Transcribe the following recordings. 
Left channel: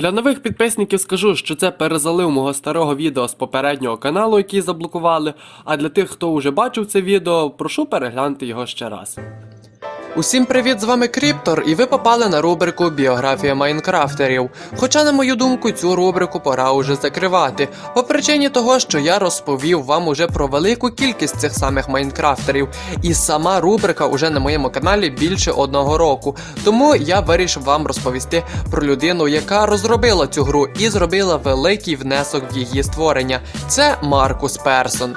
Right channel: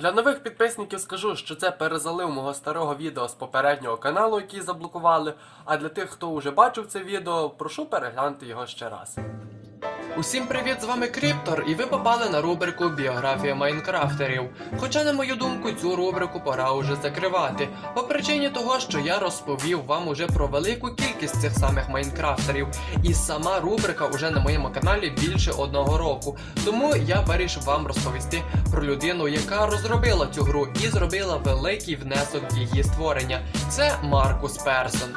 Для нових підписників скажу, що це перезалив мого старого відео з попереднього каналу, який заблокували. А для тих, хто вже бачив це відео, прошу переглянути його ще раз. Усім привіт, з вами Кріптор, і ви попали на рубрику Біографія Майнкрафтерів. Хоча, на мою думку, цю рубрику пора уже закривати, по причині того, що я розповів вам уже про велику кількість цих самих майнкрафтерів, і сама рубрика уже на моєму каналі більше одного року. Тому я вирішив вам розповісти про людину, яка розробила цю гру і зробила великий внесок в її створення. Це Маркус Персон.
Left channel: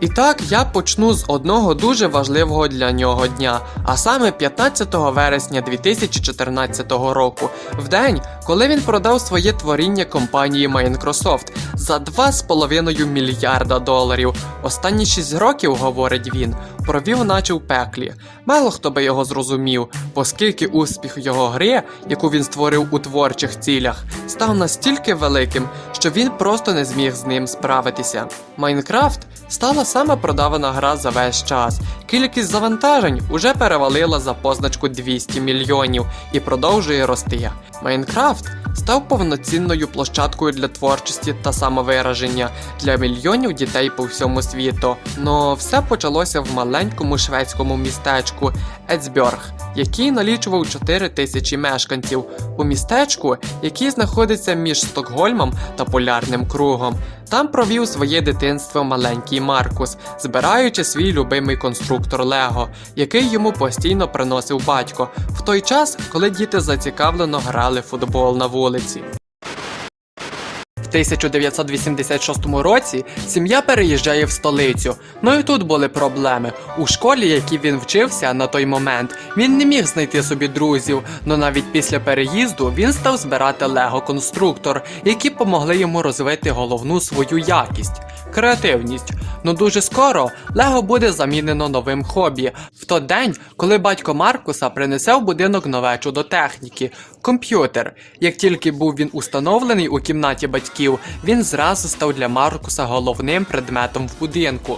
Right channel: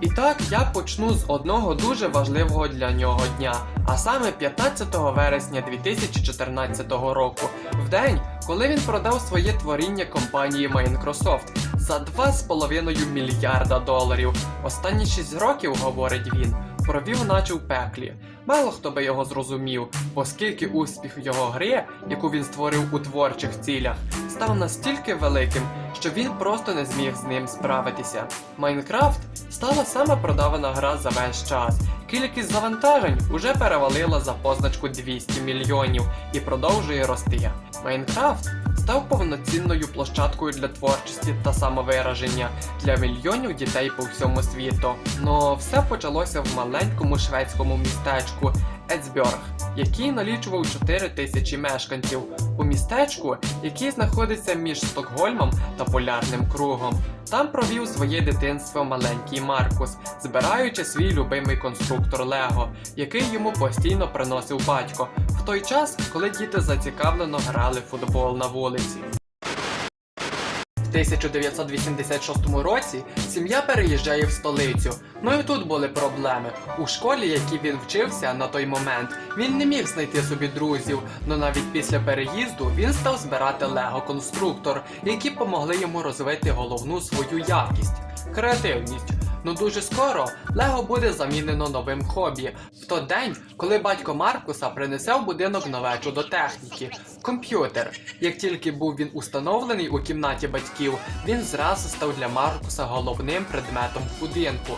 І так я почну з одного дуже важливого для нього дня, а саме 15 вересня 2014 року, в день, коли він продав своє творіння компанії Microsoft за 2,5 мільярда доларів. Останні 6 років, говорить він, провів наче в пеклі. Мало хто би його зрозумів, оскільки успіх його гри, яку він створив у творчих цілях, став настільки великим, що він просто не зміг з ним справитися. Майнкрафт стала сама продавана гра за весь час. Кількість завантажень уже перевалила за позначку 200 мільйонів і продовжує рости. Майнкрафт став повноцінною площадкою для творчості та самовираження для мільйонів дітей по всьому світу. Но все почалося в маленькому шведському містечку Ецбьорг, який налічував 4 тисячі мешканців. У містечку, який знаходиться між Стокгольмом та Полярним кругом. Там провів своє дитинство маленький Маркус, збираючи свій любимий конструктор Лего, який йому постійно приносив батько, в той час, коли діти зацікавлено грали в футбол на вулиці. В 1986 році сім'я переїжджає в столицю. Ну і тут були проблеми. У школі, якій він вчився на той момент, він не міг знайти собі друзів. Но навіть після переїзду він став збирати лего-конструктор, які помогли йому розвити головну свою якість креативність. Ну дуже скоро Лего буде замінено новим хобі. В той день, коли батько Маркуса принесе в будинок нове чудо техніки комп'ютер. Як тільки був він установлений у кімнаті батьків, він зразу став для Маркуса головним предметом в будинку.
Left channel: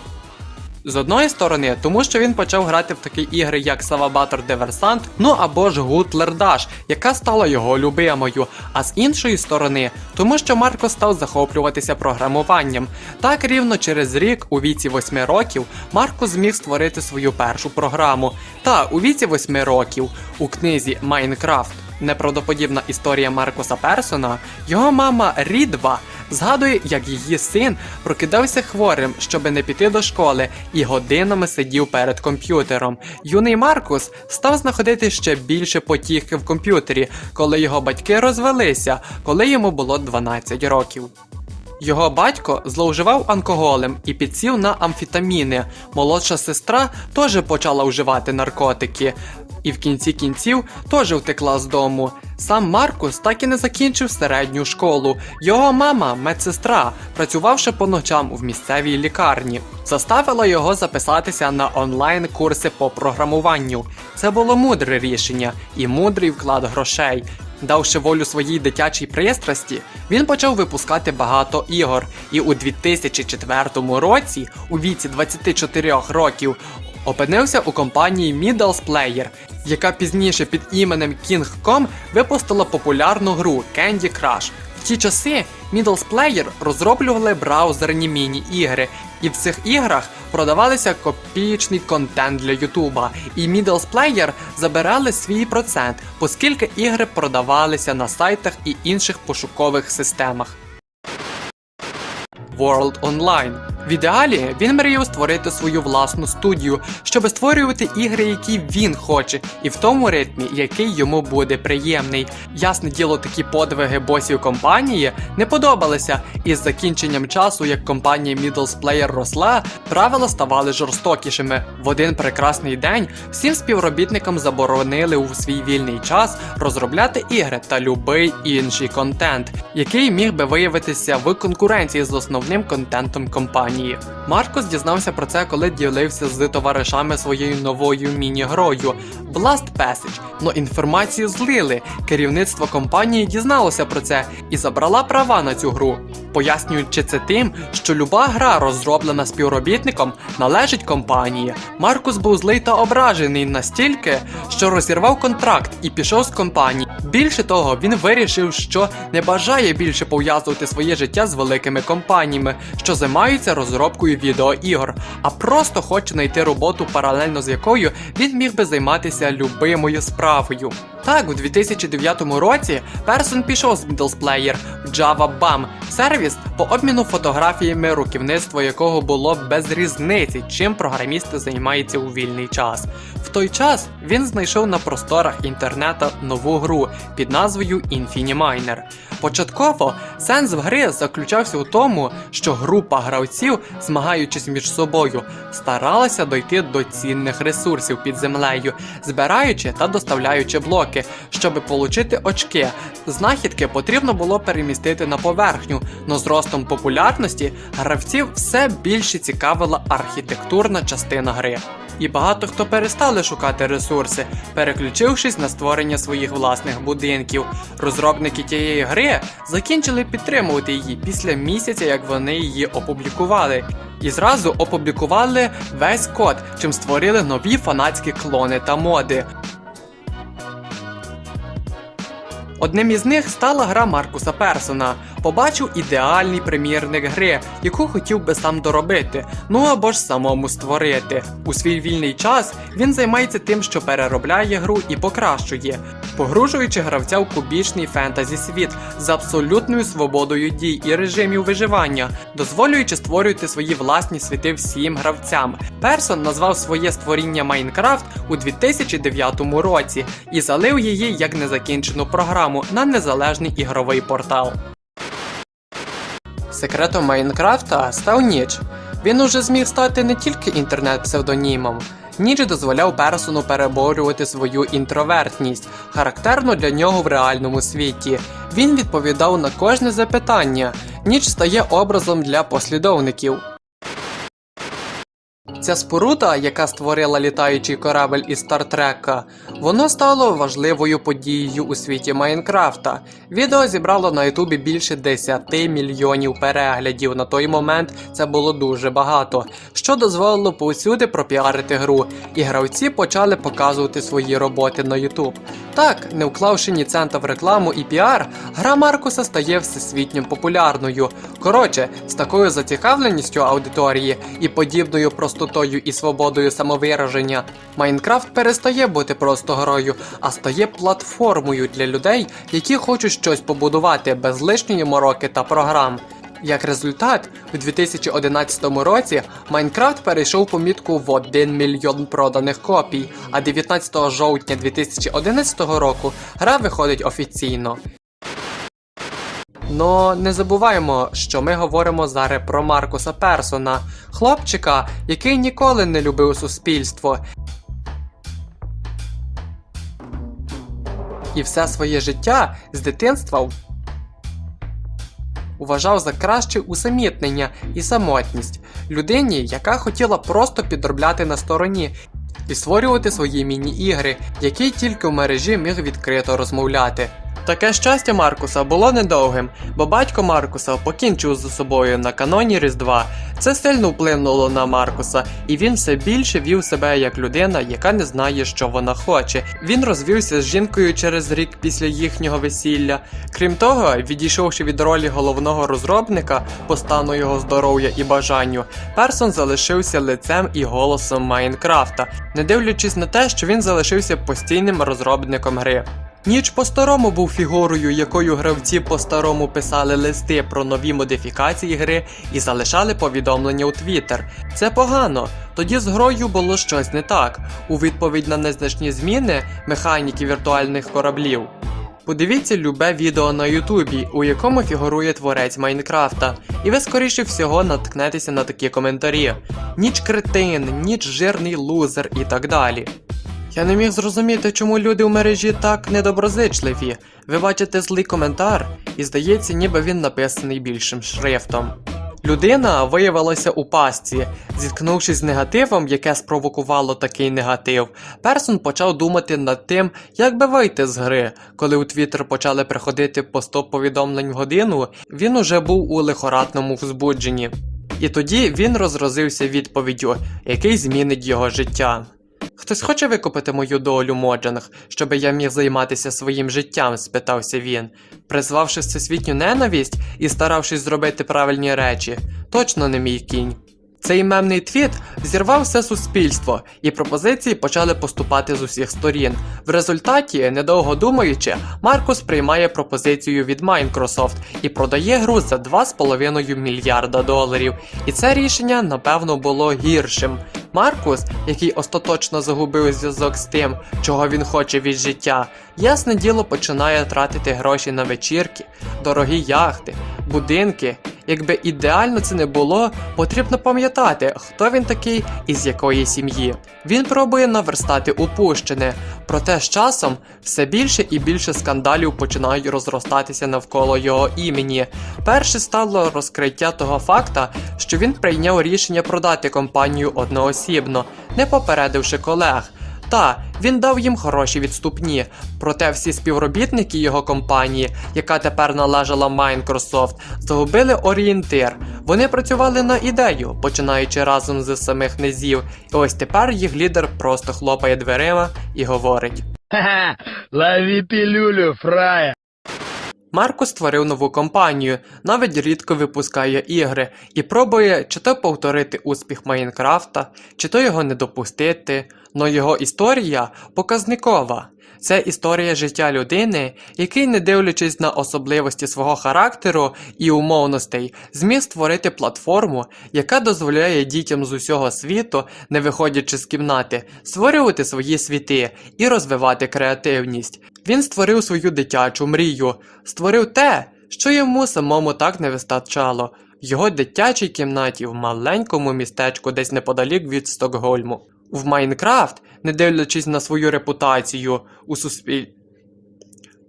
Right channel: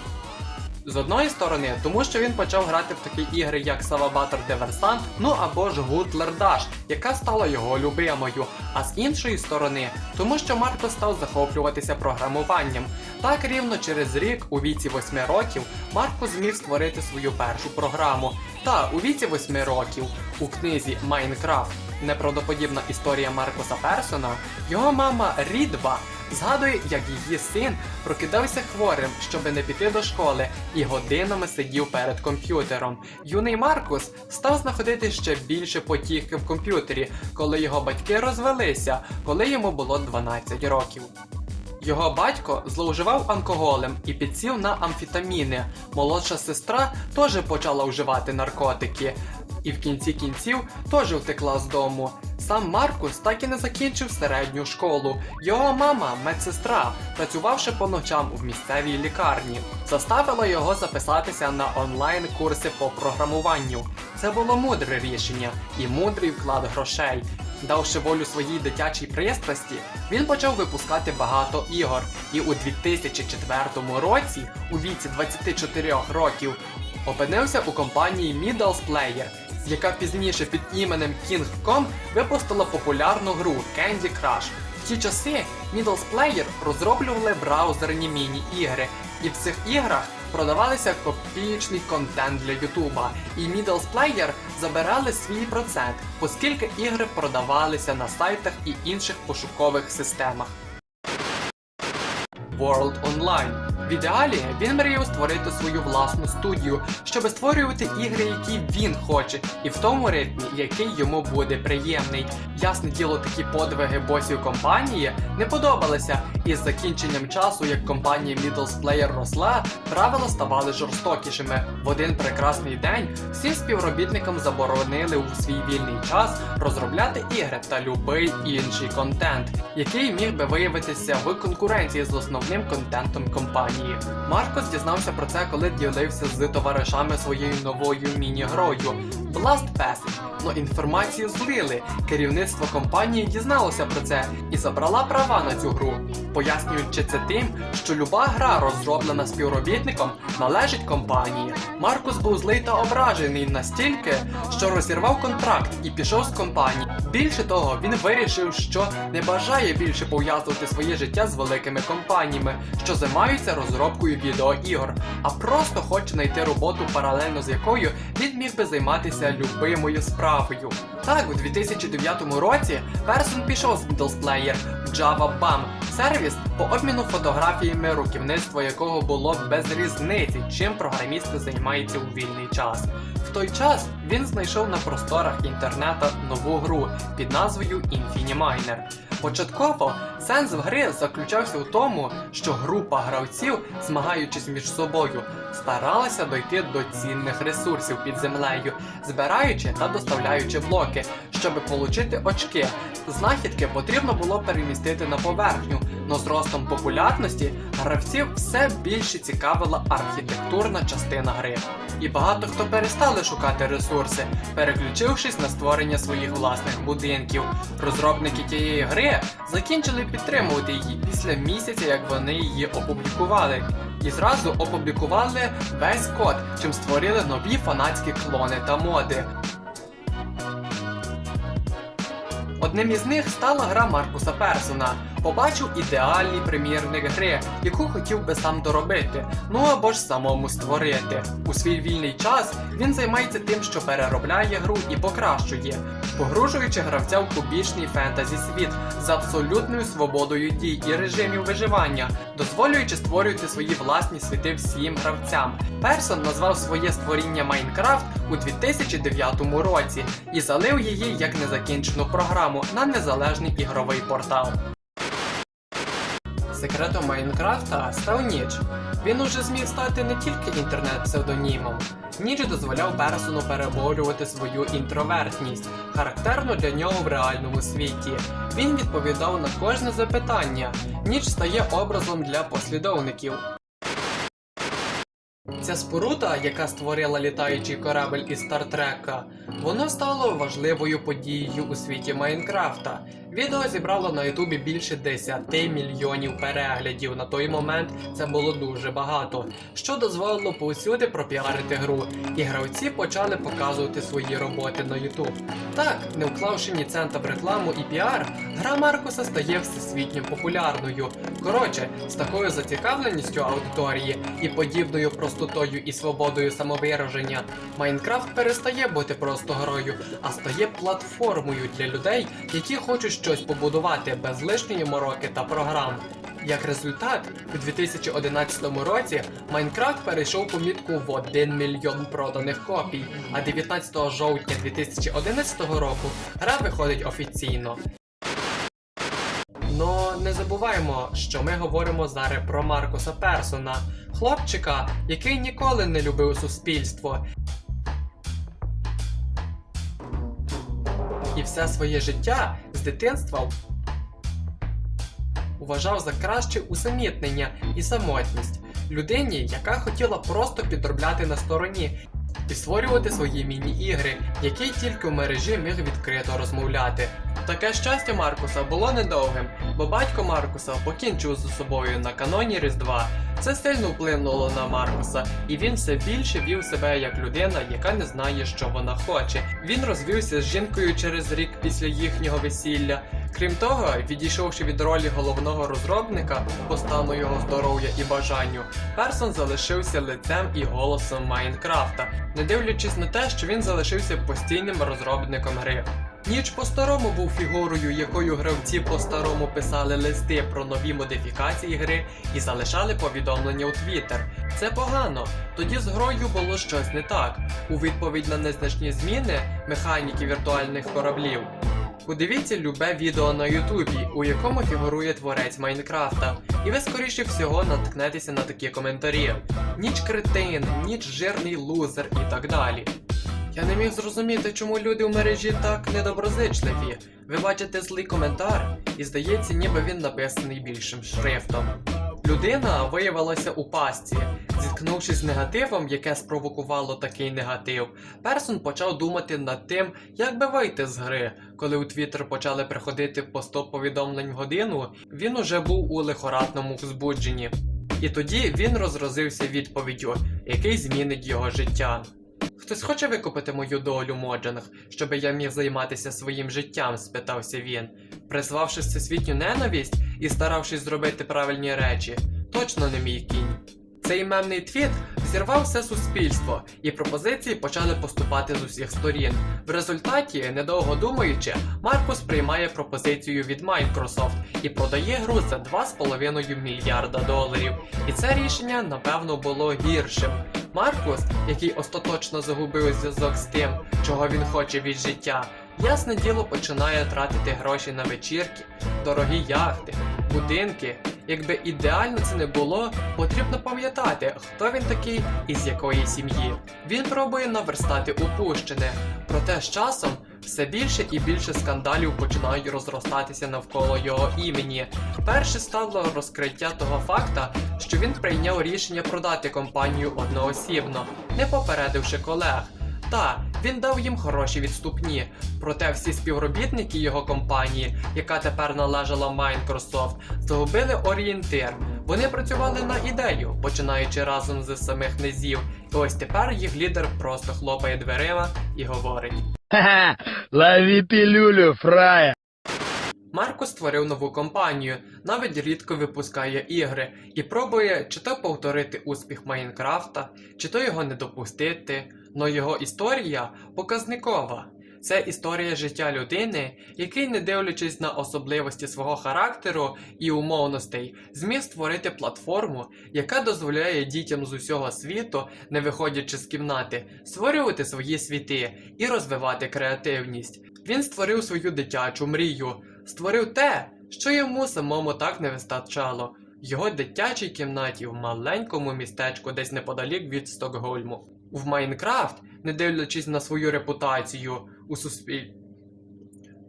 З одної сторони, тому що він почав грати в такі ігри, як Савабатор Диверсант, ну або ж Гутлер Даш, яка стала його любимою. А з іншої сторони, тому що Марко став захоплюватися програмуванням. Так рівно через рік, у віці 8 років, Марко зміг створити свою першу програму. Та у віці 8 років у книзі Майнкрафт неправдоподібна історія Маркуса Персона, його мама Рідва згадує, як її син прокидався хворим, щоби не піти до школи, і годинами сидів перед комп'ютером. Юний Маркус став знаходити ще більше потіхи в комп'ютері, коли його батьки розвелися, коли йому було 12 років. Його батько зловживав алкоголем і підсів на амфетаміни. Молодша сестра теж почала вживати наркотики. І в кінці кінців теж втекла з дому. Сам Маркус так і не закінчив середню школу. Його мама, медсестра, працювавши по ночам в місцевій лікарні, заставила його записатися на онлайн-курси по програмуванню. Це було мудре рішення і мудрий вклад грошей. Давши волю своїй дитячій пристрасті, він почав випускати багато ігор, і у 2004 році, у віці 24 років, опинився у компанії Middles Player, яка пізніше під іменем King.com випустила популярну гру Candy Crush. В ті часи Middles Player розроблювали браузерні міні-ігри, і в цих іграх продавалися копійчний контент для Ютуба, і Middles Player забирали свій процент, оскільки ігри продавалися на сайтах і інших пошукових системах. World Online. В ідеалі він мріяв створити свою власну студію, щоб створювати ігри, які він хоче, і в тому ритмі, який йому буде приємний. Ясне діло, такі подвиги босів компанії не подобалися, і з закінченням часу, як компанія Middles Player росла, правила ставали жорстокішими. В один прекрасний день всім співробітникам заборонили у свій вільний час розробляти ігри та любий інший контент, який міг би виявитися в конкуренції з основним контентом компанії. Маркос дізнався про це, коли ділився з товаришами своєю новою міні-грою Blast Passage. Но інформацію злили. Керівництво компанії дізналося про це і забрала права на цю гру. Пояснюючи це тим, що люба гра, розроблена співробітником, належить компанії. Маркус був злий та ображений настільки, що розірвав контракт і пішов з компанії. Більше того, він вирішив, що не бажає більше пов'язувати своє життя з великими компаніями, що займаються розробкою відеоігор, а просто хоче знайти роботу, паралельно з якою він міг би займатися любимою справою. Так, у 2009 році Персон пішов з Middles Player Java BAM, сервіс по обміну фотографіями, руківництво якого було без різниці, чим програмісти займаються у вільний час. В той час він знайшов на просторах інтернета нову гру під назвою Infiniminer. Початково сенс в гри заключався у тому, що група гравців, змагаючись між собою, старалася дойти до цінних ресурсів під землею, збираючи та доставляючи блоки, щоб отримати очки. Знахідки потрібно було перемістити на поверхню, но з ростом популярності гравців все більше цікавила архітектурна частина гри. І багато хто перестали шукати ресурси, переключившись на створення своїх власних будинків. Розробники тієї гри закінчили підтримувати її після місяця, як вони її опублікували. І зразу опублікували весь код, чим створили нові фанатські клони та моди. Одним із них стала гра Маркуса Персона. Побачив ідеальний примірник гри, яку хотів би сам доробити, ну або ж самому створити. У свій вільний час він займається тим, що переробляє гру і покращує, погружуючи гравця в кубічний фентезі світ з абсолютною свободою дій і режимів виживання, дозволюючи створювати свої власні світи всім гравцям. Персон назвав своє створіння Майнкрафт у 2009 році і залив її як незакінчену програму на незалежний ігровий портал. Секретом Майнкрафта став Ніч. Він уже зміг стати не тільки інтернет-псевдонімом. Ніч дозволяв персону переборювати свою інтровертність, характерну для нього в реальному світі. Він відповідав на кожне запитання. Ніч стає образом для послідовників. Ця споруда, яка створила літаючий корабель із Стартрека, воно стало важливою подією у світі Майнкрафта. Відео зібрало на Ютубі більше 10 мільйонів переглядів. На той момент це було дуже багато, що дозволило повсюди пропіарити гру, і гравці почали показувати свої роботи на Ютуб. Так, не вклавши ні цента в рекламу і піар, гра Маркуса стає всесвітньо популярною. Коротше, з такою зацікавленістю аудиторії і подібною простотою і свободою самовираження, Майнкрафт перестає бути просто грою, а стає платформою для людей, які хочуть щось побудувати без лишньої мороки та програм. Як результат, у 2011 році Майнкрафт перейшов помітку в 1 мільйон проданих копій, а 19 жовтня 2011 року гра виходить офіційно. Но не забуваємо, що ми говоримо зараз про Маркуса Персона, хлопчика, який ніколи не любив суспільство. І все своє життя з дитинства вважав за краще усамітнення і самотність людині, яка хотіла просто підробляти на стороні і створювати свої міні-ігри, які тільки в мережі міг відкрито розмовляти. Таке щастя Маркуса було недовгим, бо батько Маркуса покінчив з собою на каноні Різдва. Це сильно вплинуло на Маркуса, і він все більше вів себе як людина, яка не знає, що вона хоче. Він розвівся з жінкою через рік після їхнього весілля. Крім того, відійшовши від ролі головного розробника по стану його здоров'я і бажанню, Персон залишився лицем і голосом Майнкрафта, не дивлячись на те, що він залишився постійним розробником гри. Ніч по-старому був фігурою, якою гравці по-старому писали листи про нові модифікації гри і залишали повідомлення у Твіттер. Це погано. Тоді з грою було щось не так. У відповідь на незначні зміни механіки віртуальних кораблів. Подивіться любе відео на Ютубі, у якому фігурує творець Майнкрафта, і ви скоріше всього наткнетеся на такі коментарі: ніч кретин, ніч жирний лузер і так далі. Я не міг зрозуміти, чому люди в мережі так недоброзичливі. Ви бачите злий коментар, і здається, ніби він написаний більшим шрифтом. Людина виявилася у пастці. Зіткнувшись з негативом, яке спровокувало такий негатив, Персон почав думати над тим, як би вийти з гри. Коли у Твіттер почали приходити по 100 повідомлень в годину, він уже був у лихорадному взбудженні. І тоді він розразився відповіддю, який змінить його життя. Хтось хоче викупити мою долю Моджанг, щоби я міг займатися своїм життям? спитався він, призвавши всесвітню ненависть і старавшись зробити правильні речі. Точно не мій кінь. Цей мемний твіт зірвав все суспільство, і пропозиції почали поступати з усіх сторін. В результаті, недовго думаючи, Маркус приймає пропозицію від Microsoft і продає гру за 2,5 мільярда доларів. І це рішення, напевно, було гіршим. Маркус, який остаточно загубив зв'язок з тим, чого він хоче від життя, ясне діло починає тратити гроші на вечірки, дорогі яхти, будинки. Якби ідеально це не було, потрібно пам'ятати, хто він такий і з якої сім'ї. Він пробує наверстати упущене, проте з часом все більше і більше скандалів починають розростатися навколо його імені. Перше стало розкриття того факта, що він прийняв рішення продати компанію одноосібно, не попередивши колег. Та він дав їм хороші відступні. Проте всі співробітники його компанії, яка тепер належала Microsoft, загубили орієнтир. Вони працювали на ідею, починаючи разом з самих низів. І ось тепер їх лідер просто хлопає дверима і говорить: Ха-ха, лови пилюлю, фрая. Марко створив нову компанію, навіть рідко випускає ігри і пробує чи то повторити успіх Майнкрафта, чи то його не допустити. Но його історія показникова. Це історія життя людини, який, не дивлячись на особливості свого характеру і умовностей, зміг створити платформу, яка дозволяє дітям з усього світу, не виходячи з кімнати, створювати свої світи і розвивати креативність. Він створив свою дитячу мрію, створив те, що йому самому так не вистачало. В його дитячій кімнаті в маленькому містечку десь неподалік від Стокгольму. В Майнкрафт, не дивлячись на свою репутацію у суспіль...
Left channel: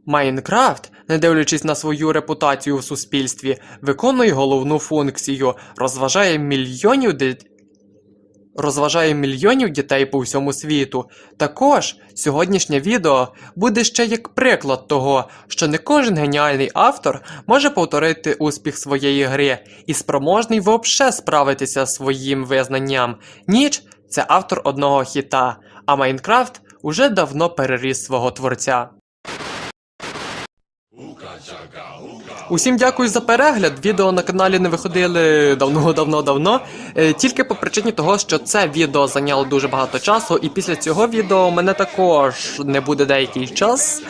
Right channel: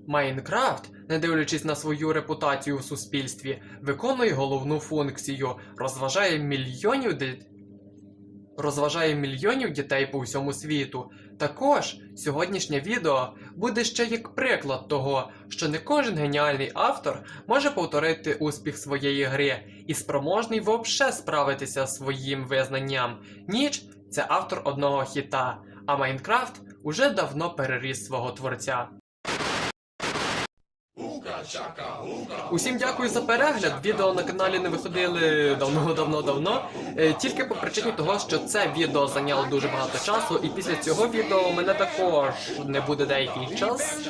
Майнкрафт, не дивлячись на свою репутацію в суспільстві, виконує головну функцію, розважає мільйонів дит... розважає мільйонів дітей по всьому світу. Також сьогоднішнє відео буде ще як приклад того, що не кожен геніальний автор може повторити успіх своєї гри і спроможний вообще справитися своїм визнанням. Ніч це автор одного хіта, а Майнкрафт уже давно переріс свого творця. Усім дякую за перегляд. Відео на каналі не виходили давно-давно-давно. Е, Тільки по причині того, що це відео зайняло дуже багато часу, і після цього відео мене також не буде деякий час.